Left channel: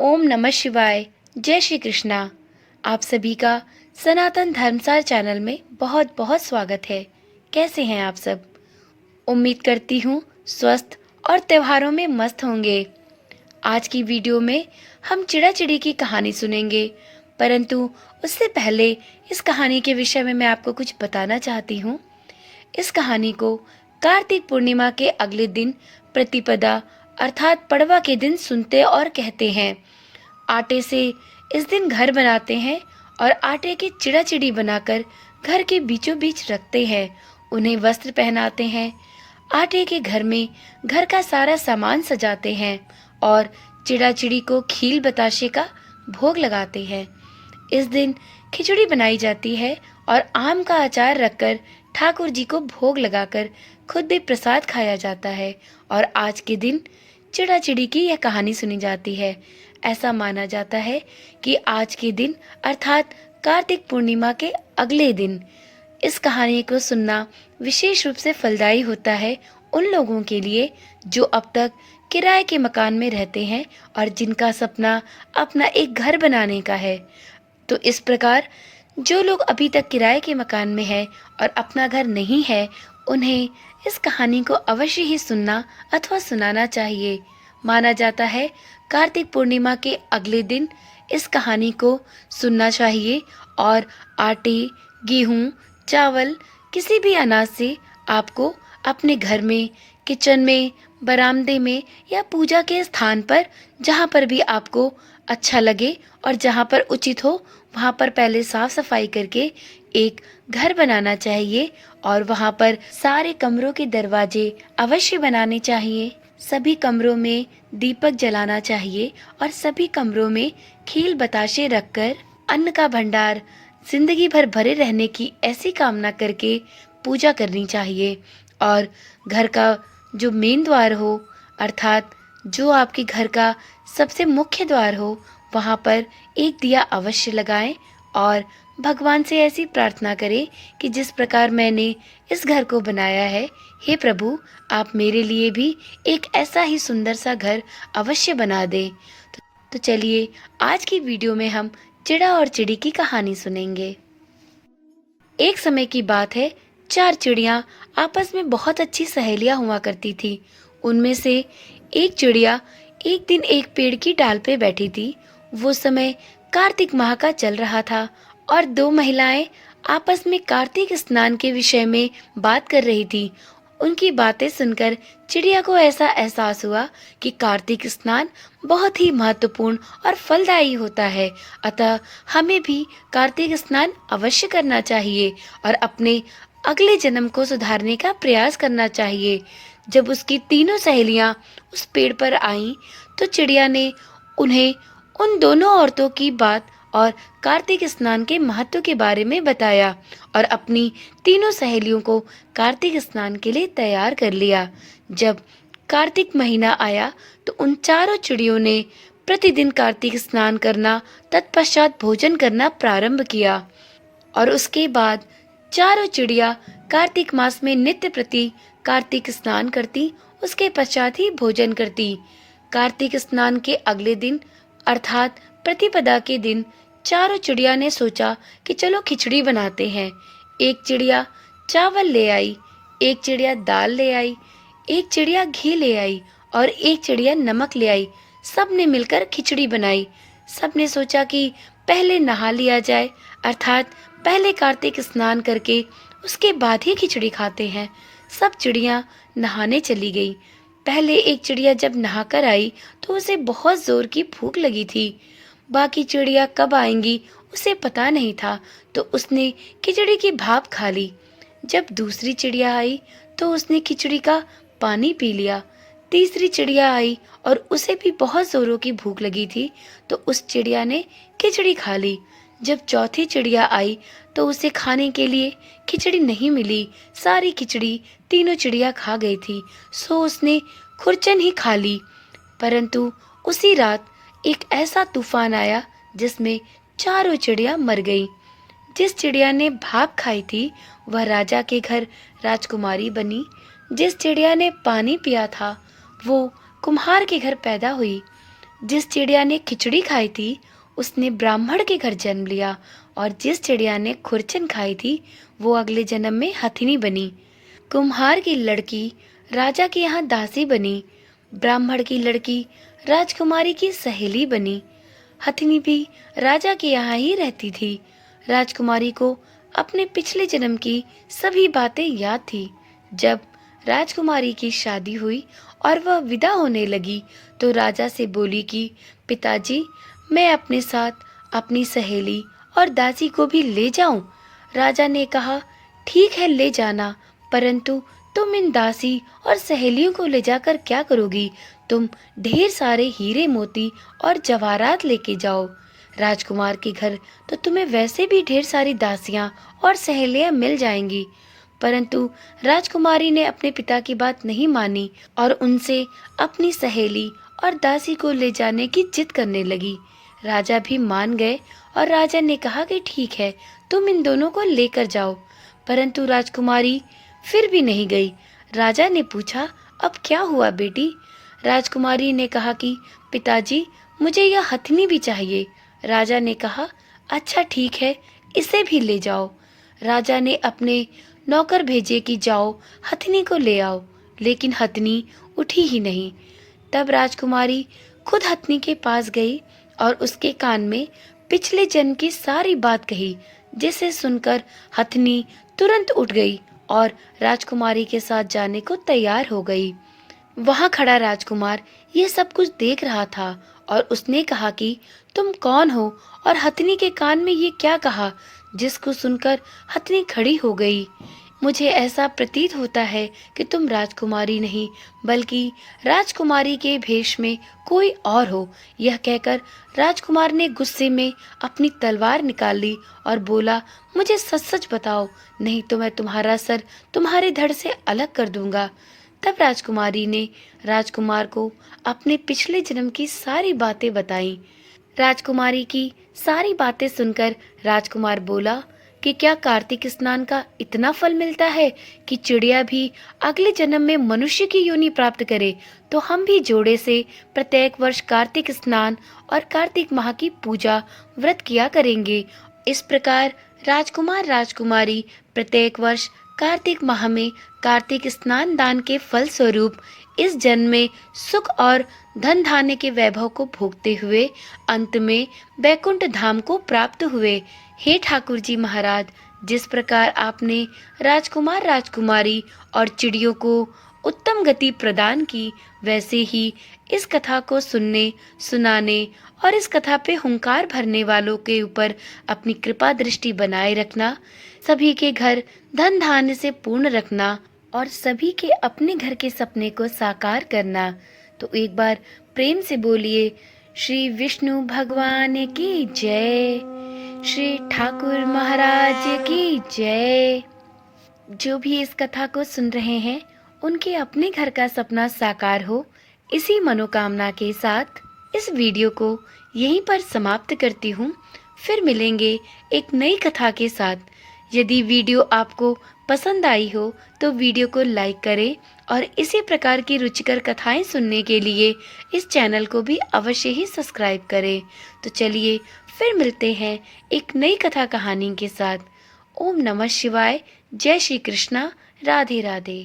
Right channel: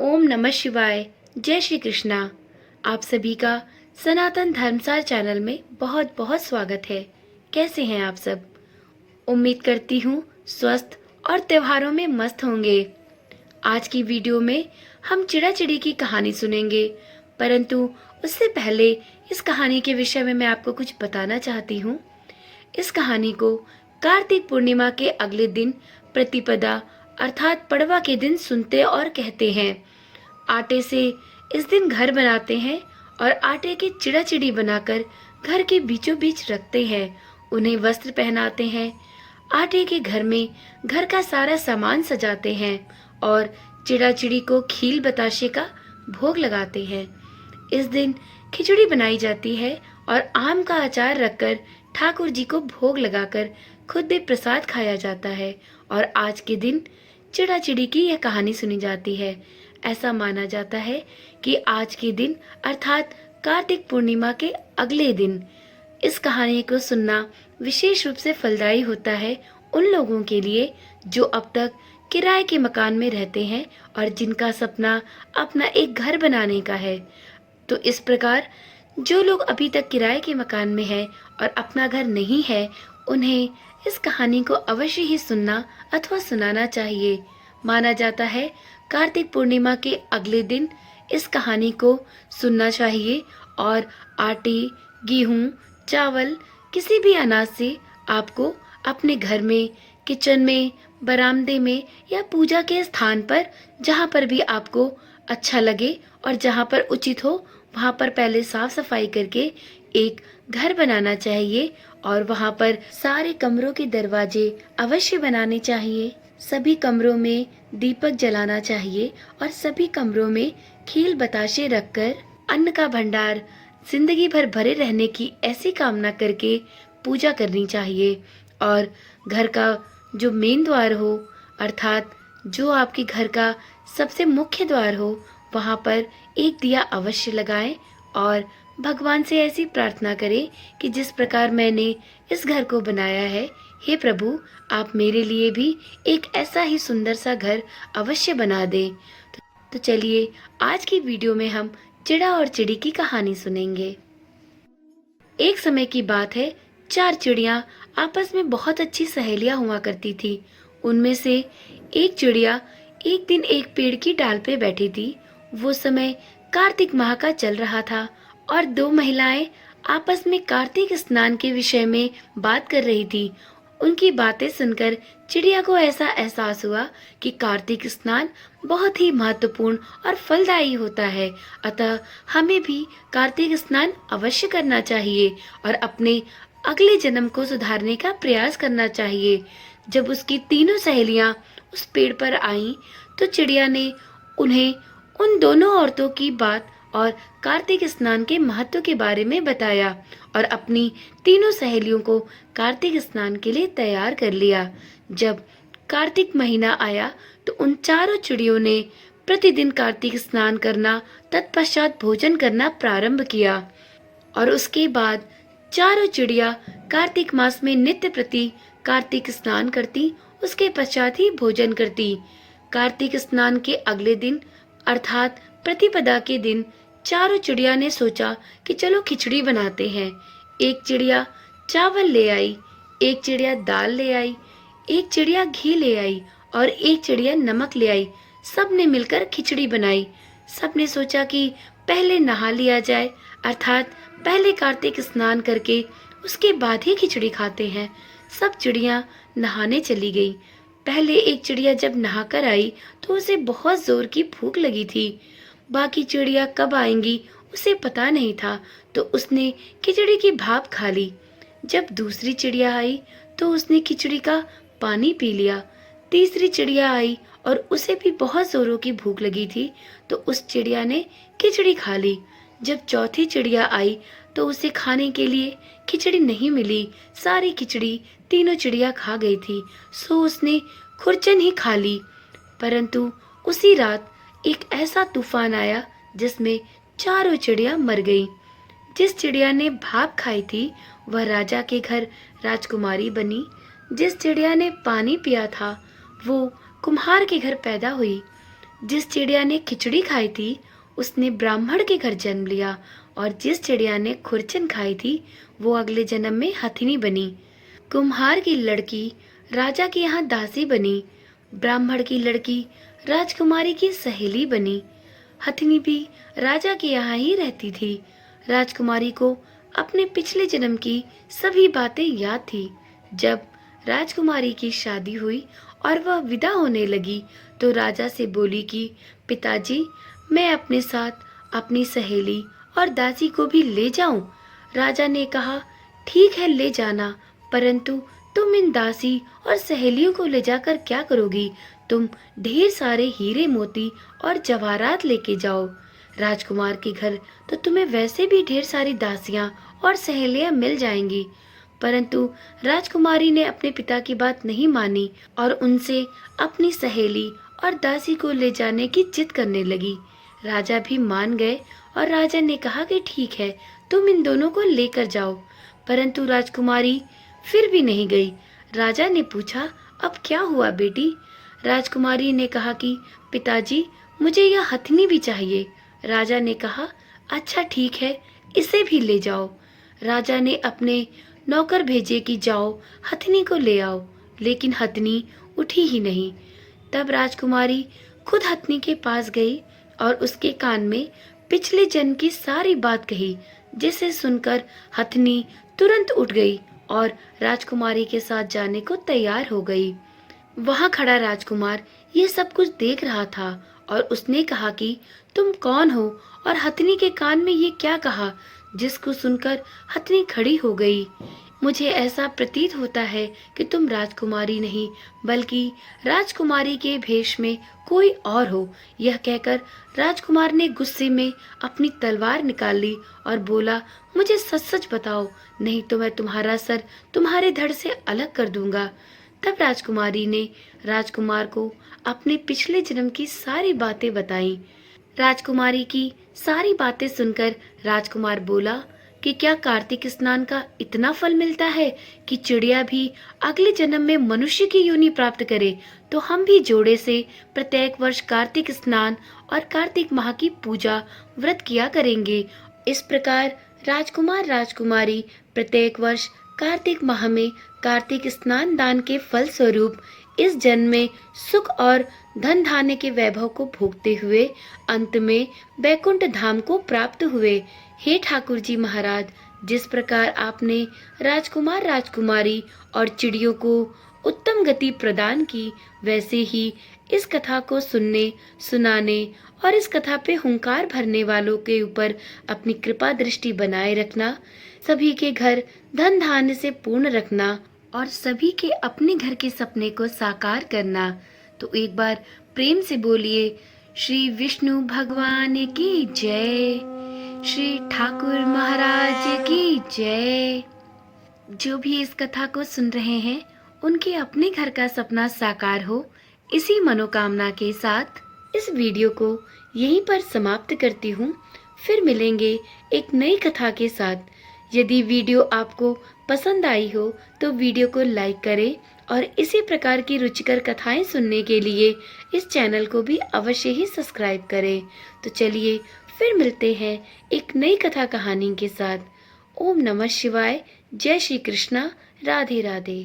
ओम नमः शिवाय। जय श्री कृष्णा। आप सभी का सनातन धर्मसार चैनल में बहुत बहुत स्वागत है। कैसे हैं आप सब? उम्मीद करती हूँ स्वस्थ और त्योहारों में मस्त होंगे। आज की वीडियो में हम चिड़ा चिड़ी की कहानी सुनेंगे, परंतु उससे पहले इस कहानी के विषय में मैं आपको कुछ बताना चाहती हूँ। इस कहानी को कार्तिक पूर्णिमा के अगले दिन प्रतिपदा अर्थात पड़वा के दिन सुनते और कहते हैं। आटे से इस दिन घर बनाते हैं और आटे की चिड़ा चिड़ी बनाकर घर के बीचों बीच रखते हैं। उन्हें वस्त्र पहनाते हैं। आटे के घर में घर का सारा सामान सजाते हैं और चिड़ा चिड़ी को खील बताशे का भोग लगाते हैं। इस दिन खिचड़ी बनाई जाती है और आम का अचार रखकर ठाकुर जी को भोग लगाकर खुद भी प्रसाद खाया जाता है। और आज के दिन चिड़ा चिड़ी की यह कहानी सुनी जाती है। ऐसा माना जाता है कि आज के दिन अर्थात कार्तिक पूर्णिमा के अगले दिन इस कहानी को सुनना विशेष रूप से फलदायी होता है उन लोगों के लिए जो अब तक किराए के मकान में रहते हैं और जिनका सपना अपना एक घर बनाने का है। तो इस प्रकार जो लोग अभी तक किराए के मकान में है और अपना घर नहीं है, उन्हें इस कहानी को अवश्य ही सुनना अथवा सुनाना चाहिए। माना जाता है कार्तिक पूर्णिमा के अगले दिन इस कहानी को सुनना चाहिए और आटे, गेहूं, चावल किसी भी अनाज से आपको अपने घर में, किचन में, बरामदे में या पूजा के स्थान पर जहां पर भी आपको अच्छा लगे और जहां पर उचित हो वहां पर पहले साफ सफाई करके एक घर बनाना चाहिए और वहां पर सारे कमरों के दरवाजे अवश्य बनाने चाहिए। सभी कमरों में दीपक जलाना चाहिए और सभी कमरों में खील बताशे रखकर अन्न का भंडार जिंदगी भर भरे रहने की ऐसी कामना करके पूजा करनी चाहिए। और घर का जो मेन द्वार हो अर्थात जो आपके घर का सबसे मुख्य द्वार हो, वहां पर एक दिया अवश्य लगाएं और भगवान से ऐसी प्रार्थना करें कि जिस प्रकार मैंने इस घर को बनाया है, हे प्रभु आप मेरे लिए भी एक ऐसा ही सुंदर सा घर अवश्य बना दे। तो चलिए आज की वीडियो में हम चिड़ा और चिड़ी की कहानी सुनेंगे। एक समय की बात है, 4 चिड़िया आपस में बहुत अच्छी सहेलियां हुआ करती थी। उनमें से एक चिड़िया एक दिन एक पेड़ की डाल पे बैठी थी। वो समय कार्तिक माह का चल रहा था और 2 महिलाएं आपस में कार्तिक स्नान के विषय में बात कर रही थी। उनकी बातें सुनकर चिड़िया को ऐसा एहसास हुआ कि कार्तिक स्नान बहुत ही महत्वपूर्ण और फलदायी होता है, अतः हमें भी कार्तिक स्नान अवश्य करना चाहिए और अपने अगले जन्म को सुधारने का प्रयास करना चाहिए। जब उसकी तीनों सहेलियां उस पेड़ पर आईं, तो चिड़िया ने उन्हें उन दोनों औरतों की बात और कार्तिक स्नान के महत्व के बारे में बताया और अपनी तीनों सहेलियों को कार्तिक स्नान के लिए तैयार कर लिया। जब कार्तिक महीना आया तो उन चारों चिड़ियों ने प्रतिदिन कार्तिक स्नान करना, तत्पश्चात भोजन करना प्रारंभ किया और उसके बाद चारों चिड़िया कार्तिक मास में नित्य प्रति कार्तिक स्नान करती, उसके पश्चात ही भोजन करती। कार्तिक स्नान के अगले दिन अर्थात प्रतिपदा के दिन चारों चिड़िया ने सोचा कि चलो खिचड़ी बनाते हैं। एक चिड़िया चावल ले आई, एक चिड़िया दाल ले आई, एक चिड़िया घी ले आई और एक चिड़िया नमक ले आई। सब ने मिलकर खिचड़ी बनाई। सब ने सोचा कि पहले नहा लिया जाए, अर्थात पहले कार्तिक स्नान करके उसके बाद ही खिचड़ी खाते हैं। सब चिड़िया नहाने चली गई। पहले एक चिड़िया जब नहाकर आई तो उसे बहुत जोर की भूख लगी थी। बाकी चिड़िया कब आएंगी उसे पता नहीं था, तो उसने खिचड़ी की भाप खा ली। जब दूसरी चिड़िया आई तो उसने खिचड़ी का पानी पी लिया। तीसरी चिड़िया आई और उसे भी बहुत जोरों की भूख लगी थी, तो उस चिड़िया ने खिचड़ी खा ली। जब चौथी चिड़िया आई तो उसे खाने के लिए खिचड़ी नहीं मिली। सारी खिचड़ी तीनों चिड़िया खा गई थी, सो उसने खुरचन ही खा ली। परंतु उसी रात एक ऐसा तूफान आया जिसमें चारों चिड़िया मर गई। जिस चिड़िया ने भाप खाई थी वह राजा के घर राजकुमारी बनी। जिस चिड़िया ने पानी पिया था वो कुम्हार के घर पैदा हुई। जिस चिड़िया ने खिचड़ी खाई थी उसने ब्राह्मण के घर जन्म लिया, और जिस चिड़िया ने खुरचन खाई थी वो अगले जन्म में हथिनी बनी। कुम्हार की लड़की राजा के यहाँ दासी बनी, ब्राह्मण की लड़की राजकुमारी की सहेली बनी। हथिनी भी राजा के यहाँ ही रहती थी। राजकुमारी को अपने पिछले जन्म की सभी बातें याद थी। जब राजकुमारी की शादी हुई और वह विदा होने लगी तो राजा से बोली कि पिताजी, मैं अपने साथ अपनी सहेली और दासी को भी ले जाऊं। राजा ने कहा, ठीक है, ले जाना, परंतु तुम इन दासी और सहेलियों को ले जाकर क्या करोगी? तुम ढेर सारे हीरे मोती और जवाहरात लेके जाओ। राजकुमार के घर तो तुम्हें वैसे भी ढेर सारी दासियां और सहेलियां मिल जाएंगी। परंतु राजकुमारी ने अपने पिता की बात नहीं मानी और उनसे अपनी सहेली और दासी को ले जाने की जिद करने लगी। राजा भी मान गए और राजा ने कहा कि ठीक है, तुम इन दोनों को लेकर जाओ। परंतु राजकुमारी फिर भी नहीं गई। राजा ने पूछा, अब क्या हुआ बेटी? राजकुमारी ने कहा कि पिताजी, मुझे यह हथिनी भी चाहिए। राजा ने कहा, अच्छा ठीक है, इसे भी ले जाओ। राजा ने अपने नौकर भेजे कि जाओ हथिनी को ले आओ, लेकिन हथिनी उठी ही नहीं। तब राजकुमारी खुद हथिनी के पास गई और उसके कान में पिछले जन्म की सारी बात कही, जिसे सुनकर हथिनी तुरंत उठ गई और राजकुमारी के साथ जाने को तैयार हो गई। वहां खड़ा राजकुमार ये सब कुछ देख रहा था और उसने कहा कि तुम कौन हो और हथिनी के कान में ये क्या कहा? जिसको सुनकर हथिनी खड़ी हो गई। मुझे ऐसा प्रतीत होता है कि तुम राजकुमारी नहीं बल्कि राजकुमारी के भेष में कोई और हो। यह कहकर राजकुमार ने गुस्से में अपनी तलवार निकाल ली और बोला, मुझे सच सच बताओ, नहीं तो मैं तुम्हारा सर तुम्हारे धड़ से अलग कर दूंगा। तब राजकुमारी ने राजकुमार को अपने पिछले जन्म की सारी बातें बताई। राजकुमारी की सारी बातें सुनकर राजकुमार बोला कि क्या कार्तिक स्नान का इतना फल मिलता है कि चिड़िया भी अगले जन्म में मनुष्य की योनि प्राप्त करे? तो हम भी जोड़े से प्रत्येक वर्ष कार्तिक स्नान और कार्तिक माह की पूजा व्रत किया करेंगे। इस प्रकार राजकुमार राजकुमारी प्रत्येक वर्ष कार्तिक माह में कार्तिक स्नान दान के फल स्वरूप इस जन्म में सुख और धन धान्य के वैभव को भोगते हुए अंत में बैकुंठ धाम को प्राप्त हुए। हे ठाकुर जी महाराज, जिस प्रकार आपने राजकुमार राजकुमारी और चिड़ियों को उत्तम गति प्रदान की, वैसे ही इस कथा को सुनने सुनाने और इस कथा पे हुंकार भरने वालों के ऊपर अपनी कृपा दृष्टि बनाए रखना, सभी के घर धन धान्य से पूर्ण रखना और सभी के अपने घर के सपने को साकार करना। तो एक बार प्रेम से बोलिए, श्री विष्णु भगवान की जय, श्री ठाकुर महाराज की जय। जो भी इस कथा को सुन रहे हैं उनके अपने घर का सपना साकार हो, इसी मनोकामना के साथ इस वीडियो को यहीं पर समाप्त करती हूँ। फिर मिलेंगे एक नई कथा के साथ। यदि वीडियो आपको पसंद आई हो तो वीडियो को लाइक करें और इसी प्रकार की रुचिकर कथाएं सुनने के लिए इस चैनल को भी अवश्य ही सब्सक्राइब करें। तो चलिए फिर मिलते हैं एक नई कथा कहानी के साथ। ओम नमः शिवाय। जय श्री कृष्णा। राधे राधे।